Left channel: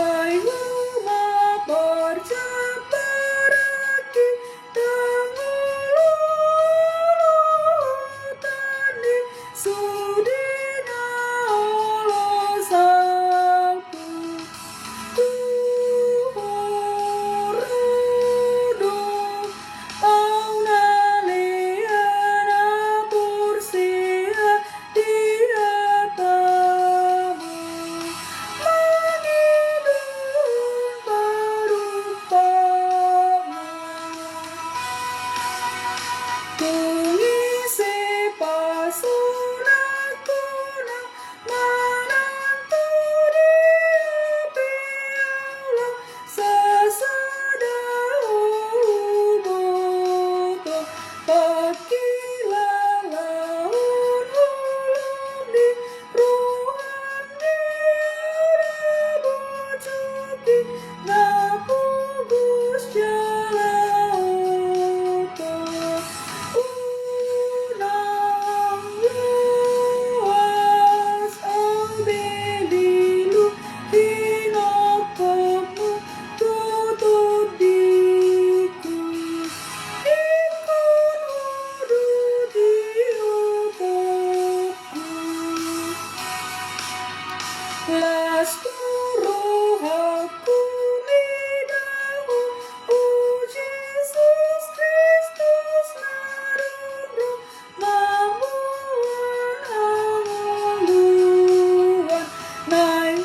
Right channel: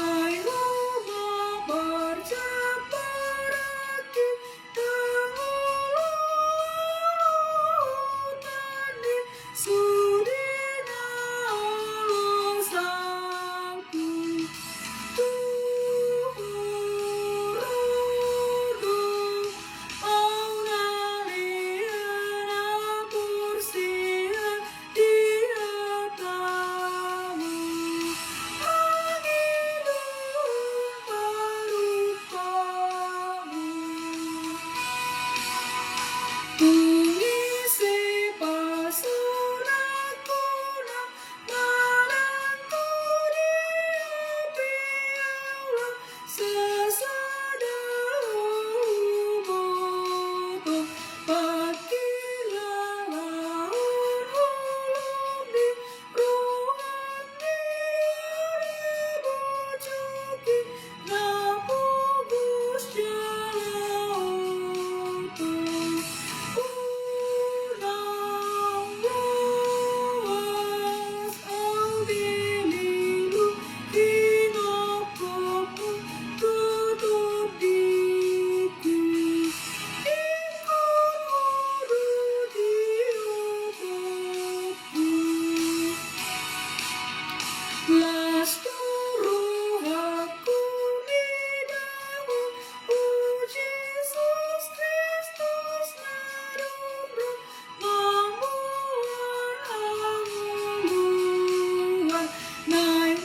Hai umat berceperagi dangulutan di sudinya Allah salpu uhurudu auna liana pursia dia kamu mengilung berupamu tungisi pasunakuna menantu dia piala sesudah uboto pakilah laun ulum di ruang dia bujuki ngapugus jalaoto unang luas au belilu hinokopmu tutup diku ikon udu diopakku Lasturu hakumidahu Jesus Kristus narumru mamun anguluan naing